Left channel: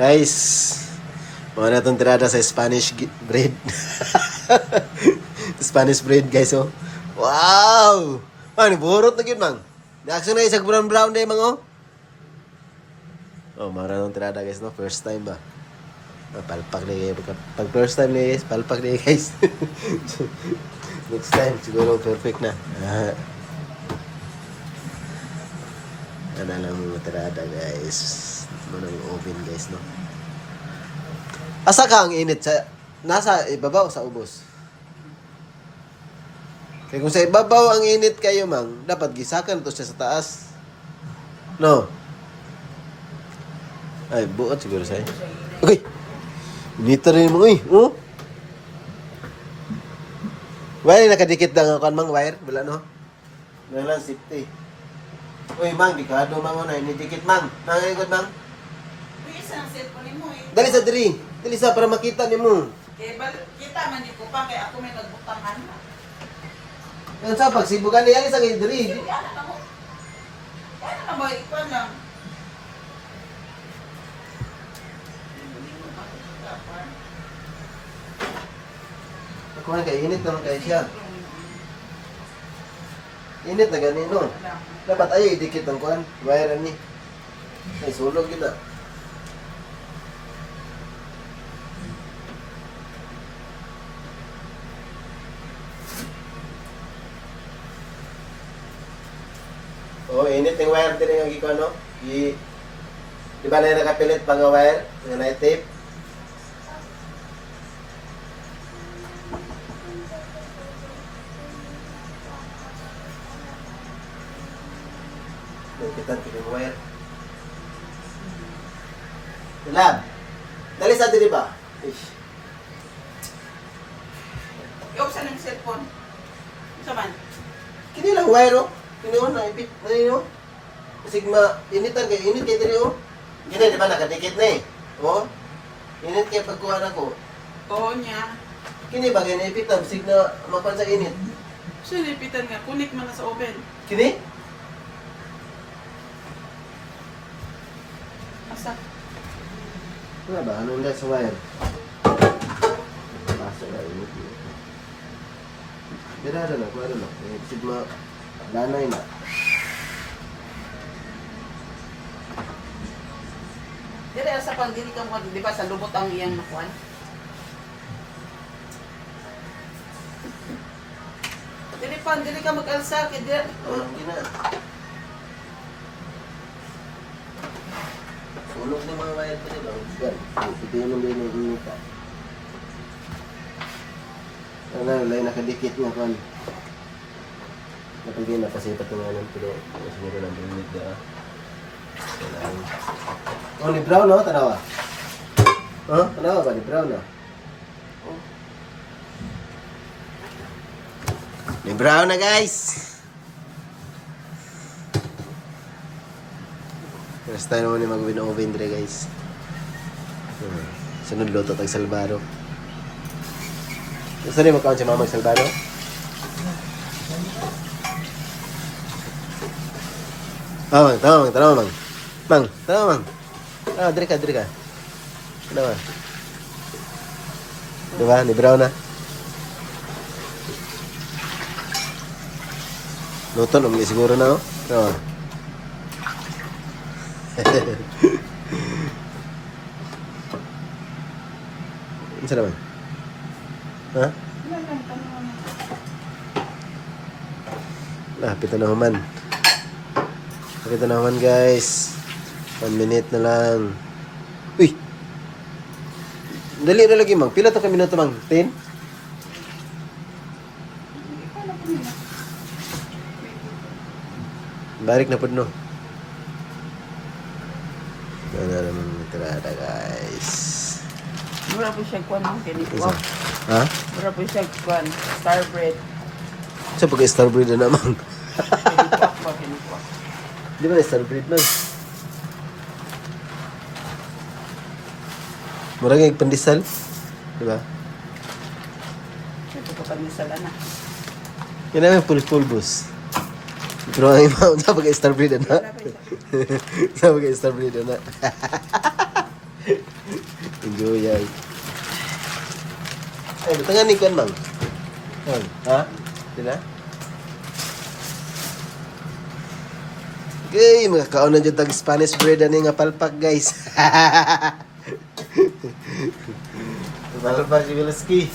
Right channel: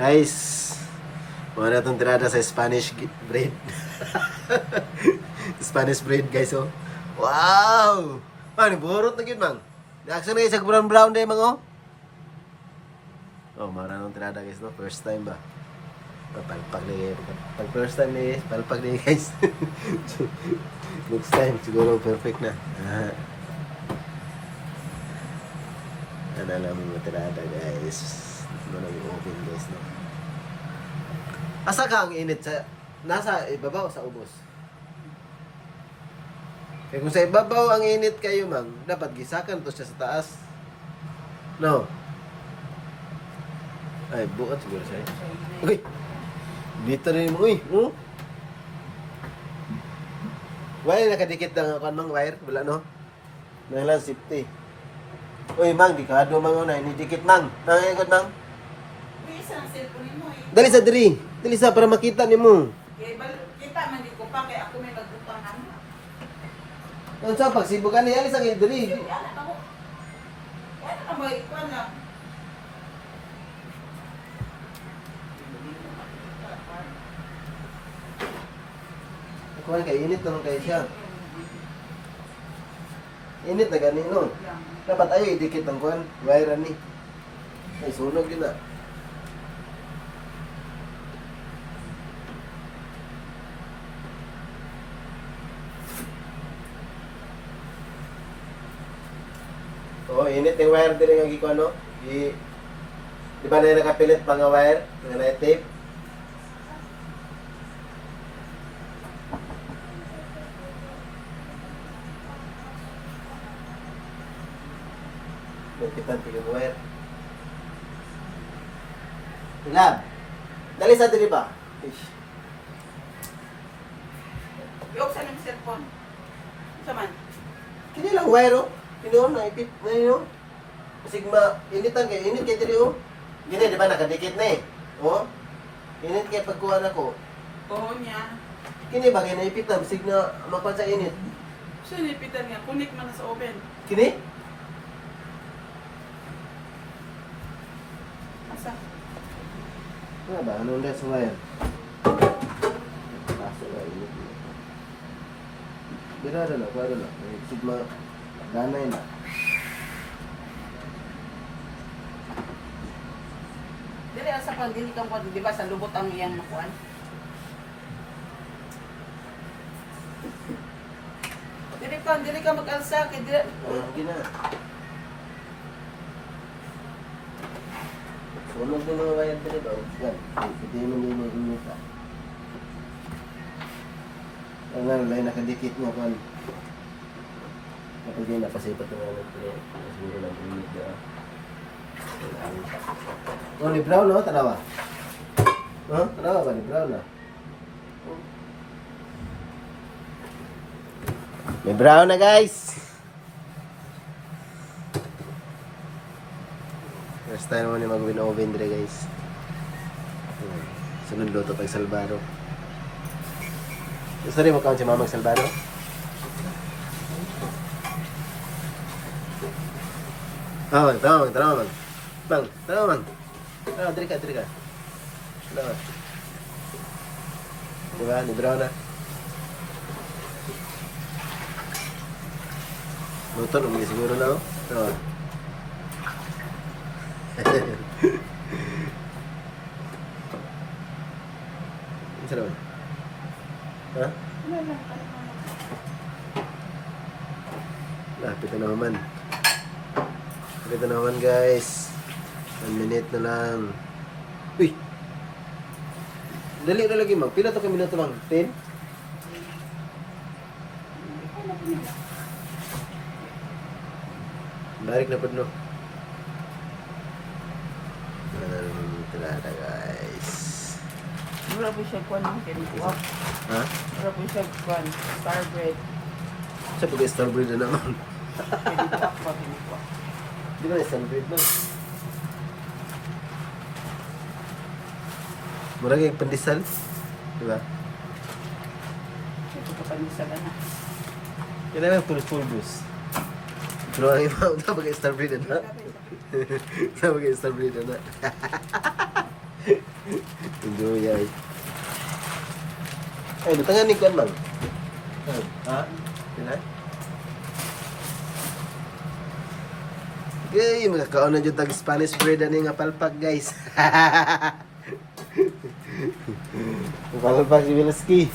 Guys, mga na itong tirada sa Spanish bread. Spanish bread, guys, oh. Wow! Man, burot na yun, man. Reaction na isang brown day, mga, oh. Oh, mga na itong tirada, guys, no? First time ba? Palpak na kayo. Pag first time na, guys, palpak na, guys. Next time, siguro perfect na. Ano lang mga tirada, guys. Manang oven, guys, no? Asa ka ang init? Nasa ibabaw sa ubos? Kaya kung sa ibabaw ang init kayo, mang, dapat gisakan to siya sa taas. No? Ay, buot siguro siya. Okay. Inita rin mo, uy. Oh? Wire, nakadikit lang ako, mang, wire. Wala, no? May lang, safety. Uy, mang, dikado, mang, una. Inidikit, mang. Nangyayon, mang. Isa ang cellphone mo eh. Dali sa diri. Dali sa para makita ni mo. Kaya kita man di ko pa kaya ako may nagbutangan. Yan sa pagsibugan ni alis ang diri. Ano na mo? Ano na ba ikuan lang? Ako na kay init naman kay siya. Init na ganino. Dapat ayo idikit ang kuan. Wire ni. Ay sunog yun na. Oh, init yung wire din yung giko, no? Di ba na nakapilit pa nga wire? Nga na tape? Nagpitan tigil wire. Lab! Dali sa dili ba? Ish. Yung sa ng cellphone. Sa man? Kini lang wire, oh. Kini on na ipit na yun, oh. Sigma, initan kayo, init kayo diri, oh. Gini, di ba, nakadikit na eh. Oh. Init kayo pagkuhan ako. Oo niya. Kini ba, kaya naipitan, signa mapan sa init. Siya lipitan nga. Kunik man na sa oven. Kini? Asa? Nga ba, ano lang sa wire? Paso na, init. Bira na, kuha na. Sigma, danay na. Dili sa pag dili ka mo di ba sa lubot ang iyang nakuan? Dili ka mag-alsa kay dili. Hindi na. Sunog na mga wire dali ba? Yan, pitihin mo din yung init. Ano, lay nakadikit nga kuhan. Kapag yun, napasipat yung ano, pero mas mura lang pinit dira. Oh, ni brown, no? Tanawa. Huh? Tanawa ba? Ni brown, no? Ni brown na, guys! First time naman ni mag-win oven dire, guys. Sunod luto tag salbaro. Gusto rin magkaon si Mama Salvador? Ah, mang, tama, mang, tama, mang. Mang, tama, mang. Ah, diri ka, diri ka. Ano ba? Diba? Ni brown na. Luto, naman siguro na, oh. Tama. Ano naman? Ha? Lapit na naman. Lapit na naman, guys. 1 minute na lang. Uy! Dali na lagi, mang. Pila to ka minuto, mang? 10? Barik na po, no? Nararaming tirada, guys. Mura po siya kuan ang kiniko. Isa. Ha? Mura po siya kuan star bread. Siya pag-star breed na naman. Kiniko ako kiniko. Di ba star breed lang? Murag yung pandesal. Di ba? Ito ko panisala na. Yan namin pulbos. Pero ang imaw, sa pag-star breed na. Sa pag-star breed na. Guyay. Ay, butangan ni Kuan, Mang. Ay, ha? Sila? Okay, makakaon na dyan tag Spanish bread ani nga palpak, guys. Palpak si Wilski.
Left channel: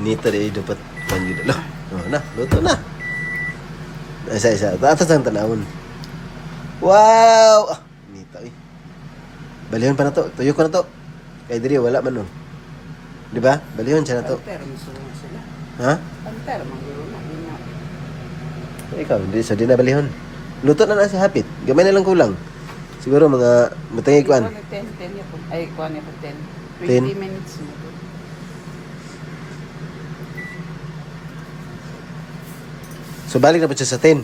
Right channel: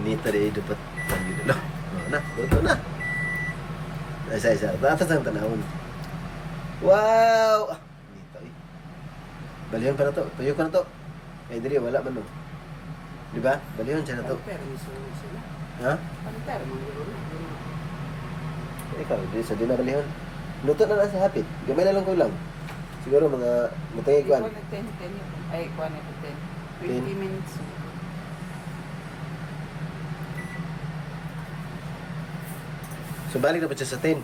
Inita rin dapat panjid. No, na, luto na. Isa. Atas ang tanawon. Wow! Inita eh. Balihan pa na to. Tuyo ko na to. Kay diri wala man no. Di ba? Balihan siya na to. Ha? Ikaw, hindi. So, di na balihon. Luto na si Hapit. Gamay na lang kulang. Siguro mga matangi kuan. 10 ay, kuan ito 10. 10? 20 minutes. So, balik na po siya sa 10.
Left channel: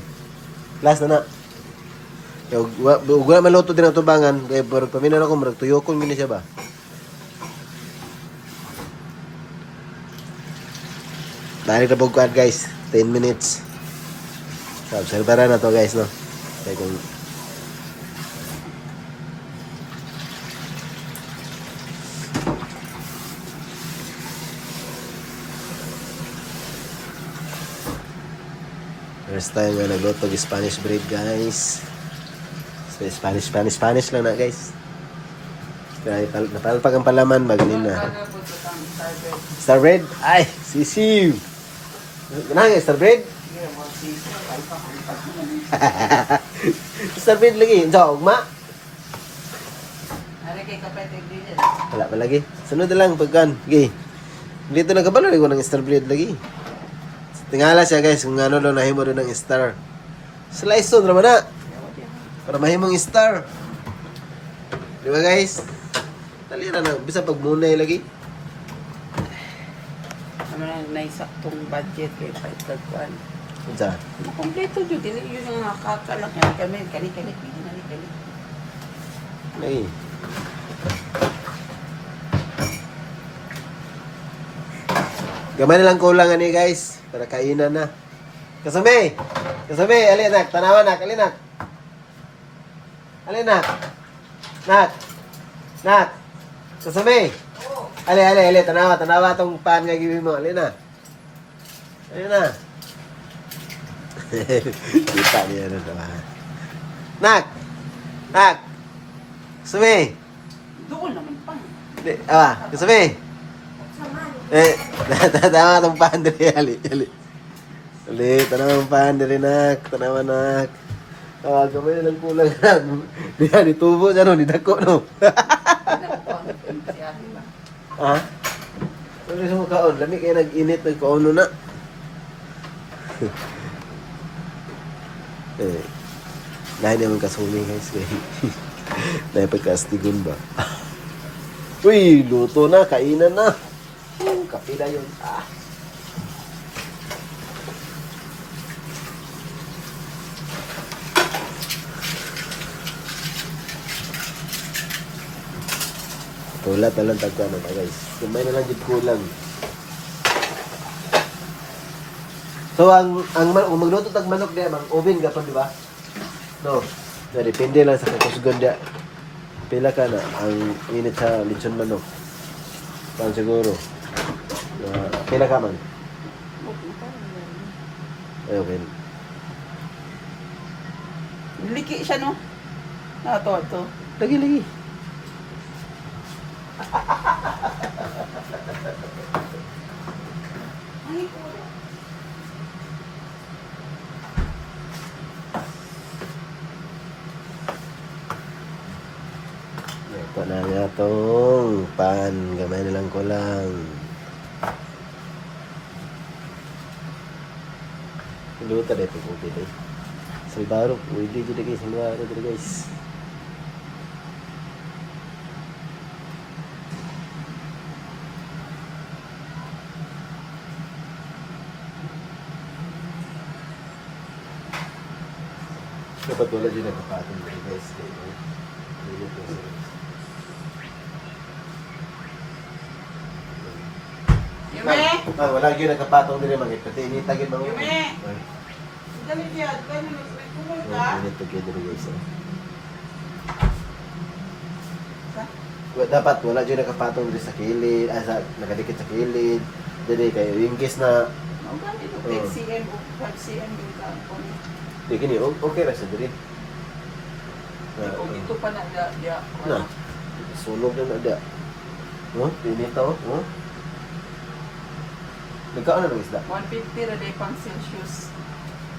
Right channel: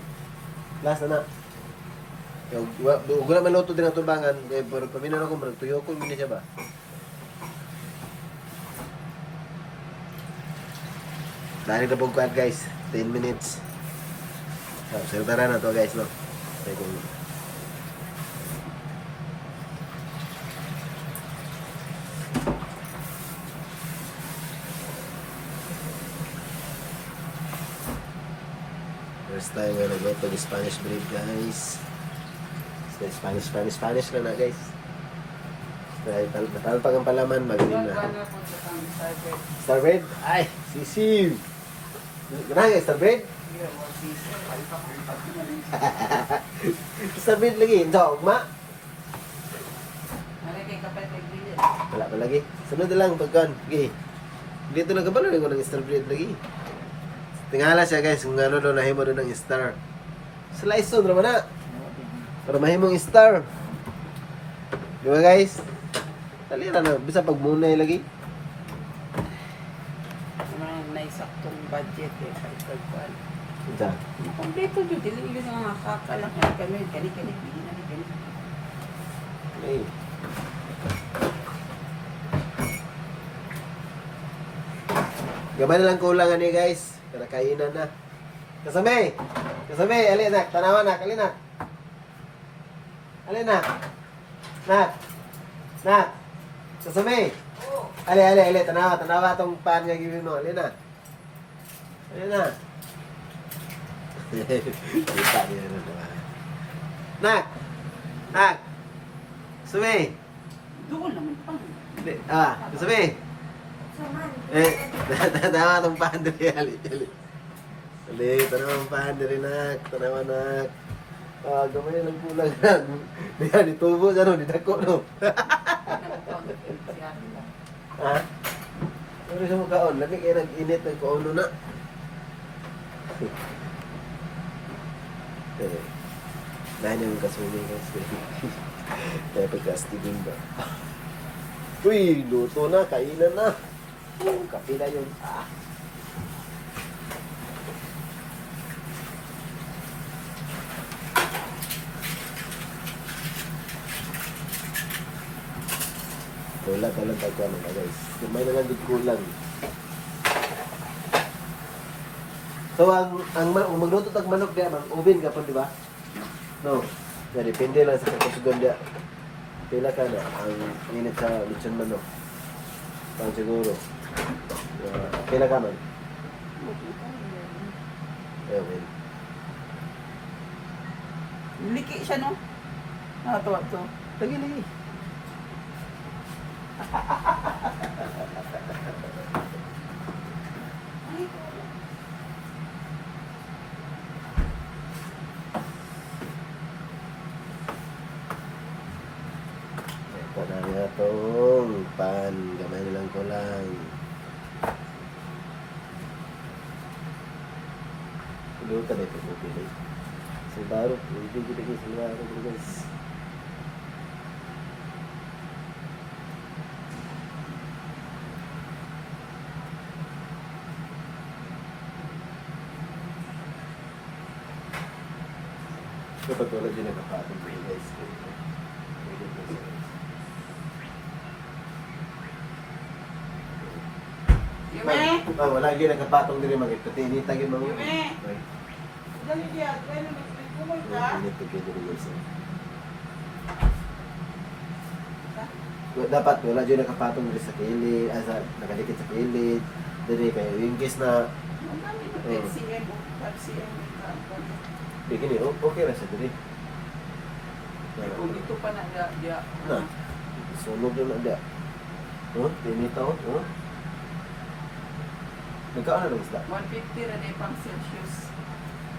Last na na. So, wala maluto din ang tubangan. Kaya pero paminan ako, marag tuyokon mo siya ba? Balik na po kuan, guys. 10 minutes. So, observara na to, guys, no? Kaya kung first time na nagluto ng Spanish bread, guys. So, Spanish lang na, guys. Kaya natalpak ang palaman, magaling na. Star bread? Ay, sisiw! Ano yung star bread? Star bread lagi. Diyan, ugma? Wala pa lagi. Sunod na lang, pagkan. Okay. Dito nagkabalo, ko ng star bread lagi. Tingala siya, guys, kung ano doon nahimo doon ng star. Slice doon naman na. Para mahimong star. Di ba, guys? Talira na. Bisa pag munay lagi. Ano na isaktong budget eh. Pagkagpan. Diyan. Kompleto yun. Dili yun yung mga kakanak. Kami. Kani. Ay. Gamay na lang kulang ani, guys. Para kainan na. Kasame! Alin nak, tanawan nak, alin nak. Alin nak. Nak. Kasame! Ali, tanawa tong pan nga gawin mo, alin na. Alin na. Kita niya ano naman. Nak! Kasame! Doon naman pa. Kasame! Tanawa tong pan dali, ali. Tanawa tong pan dali, nak. Tanawa, nak. Gamay lang kulang lang. Di tubo siya, no? Di dako, no? Ha? Ano sa mga kaon? Lami kayo nag-init, nagkaono na. Dahil naman kasumi, guys. Dahil pagkastigun ba? Uy, luto na, kainan na. Kape na yun. Kulat na lang tagka na, guys. Kumay na lang din kulang. So, kung magluto tag manok diya, oven ka to, di ba? No. So, depende lang sa kakusgan diya. Pila ka na ang init sa lechon manok. Pan siguro. Pila ka man? Okay. Liki siya, no? Ito. Lagi. Ito na nga itong pan. Gamay na lang ko lang. Luta na ito. Sa baro. Pwede dito guys. Mga ako dito guys. Dapat wala din nakapatong dito guys. Yume! Wala yun nakapatong dito mga pati initagin mga Yume! Dali niya. Ganun. Nagkumul ka. Init to get dito guys. dapat wala dyan nakapatong dyan sa kilid, nakadikit sa kilid. Dili kayo, in case na, Ang dami ito, 10 cm o 5 cm yung tampon. di gini, okay ra sa dili. O dito pa na, dia. Na, sunog na ada. Oh, pinita oh. Magkaon na ba isda? 150 ra day pang Celsius.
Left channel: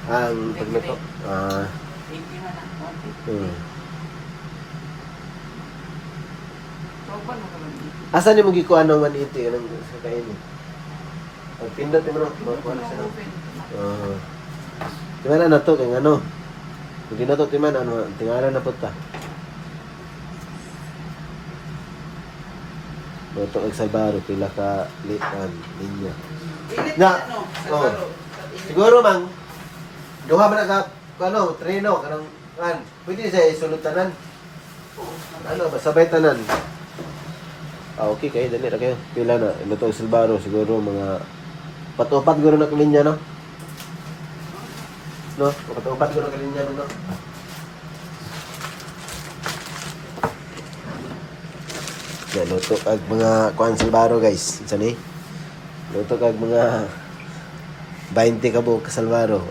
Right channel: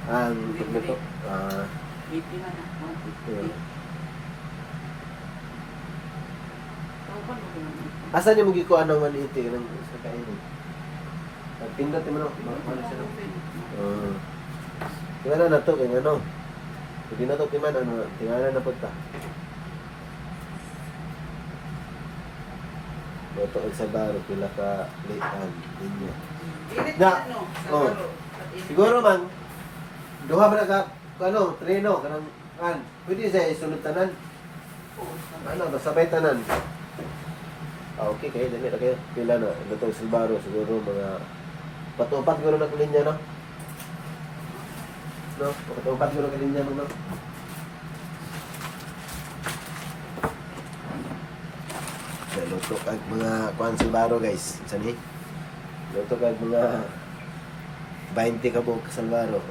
Ang pagluto. 80 man na, 150. Open mo ko lang. Asa ni mo gikuan ng maniti ng sa kainin? Ang pindot mo na, makuha na siya. Tingala na to, kaya ano? Hindi na to timan, ano, tingala na to ta. Ito ang salbaro, pila ka litan, linya. Init Na, ano, sa oh. baro. Siguro mang, gawa ba na ka, ano, treno, kanang, pwede siya isulutanan. Ano, masabay tanan. Okay, kayo, dali na kayo. Pila na, ito ang salbaro, siguro mga, patupat siguro na kalinya, no? No, patupat siguro na kalinya, no? Yan, luto kag mga kuan salbaro guys. Isa ni. Luto kag mga 20 ka buok salbaro.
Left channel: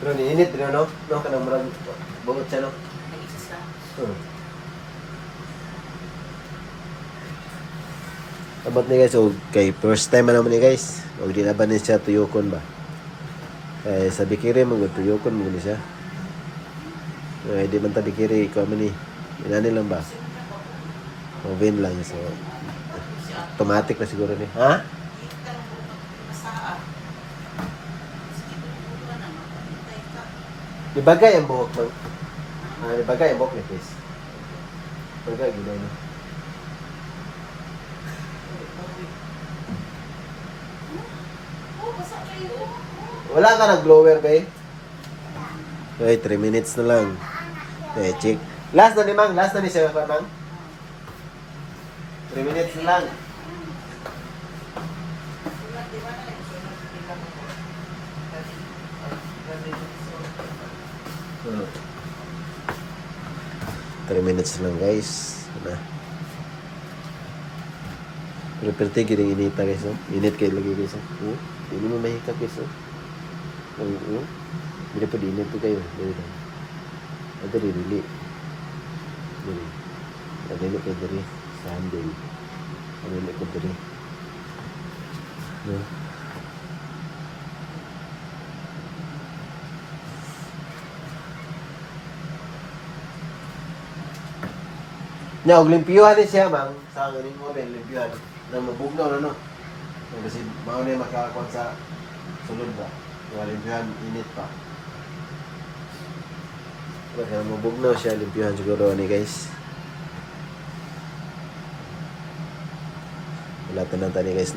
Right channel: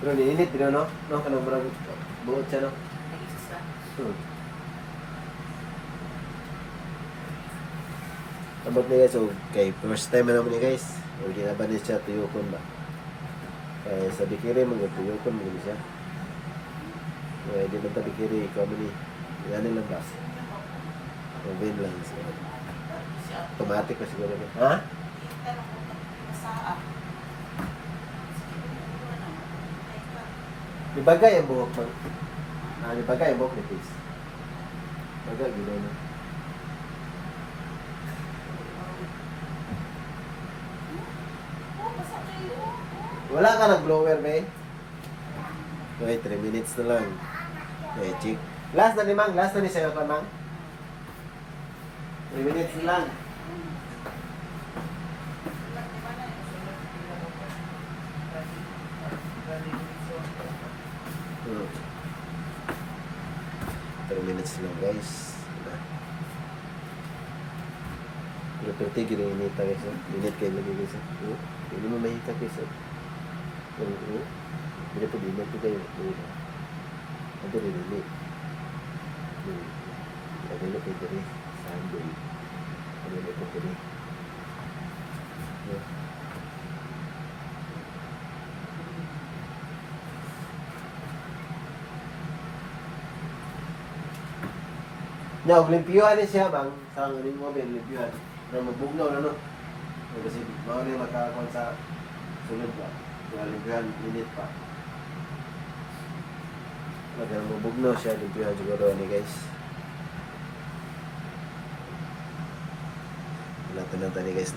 Pero niinit din no? No, kanang marag buot siya no? Abot na guys, so kay first time naman ni guys. O di na ba niya siya tuyokon ba? Eh, sa bikiri mo, tuyokon mo ni siya. Eh, di man ta bikiri, ikaw man ni. Inani lang ba? O win lang. So, automatic na siguro ni. Ha? Ibagay ang buhok no? Ibagay ang buhok ni Chris. Ibagay, ginoy no? Wala ka nag-blower kay? Okay, 3 minutes na lang. Okay, check. Last na ni Mang, last na ni Sir Mang. 3 minutes na lang. Hmm. 3 minutes lang guys. Diba? Pero perte kiring inita guys. Init kayo lagi guys. Hindi mo mahika guys. Hindi po din ito kayo. Ito dili. Dili kayo dili. Sandal. Dili kayo dili. Na, olimpiyuhan din siya, mang. Sa olimpiyuhan. Nang mabugnaw na, no? Kasi, mga na yung magkakakuan sa sunod ba? Yung olimpiyuhan, init pa. Kaya mabugnaw siya, olimpiyuhan siguro ni guys. Wala pa lang tayo guys, no?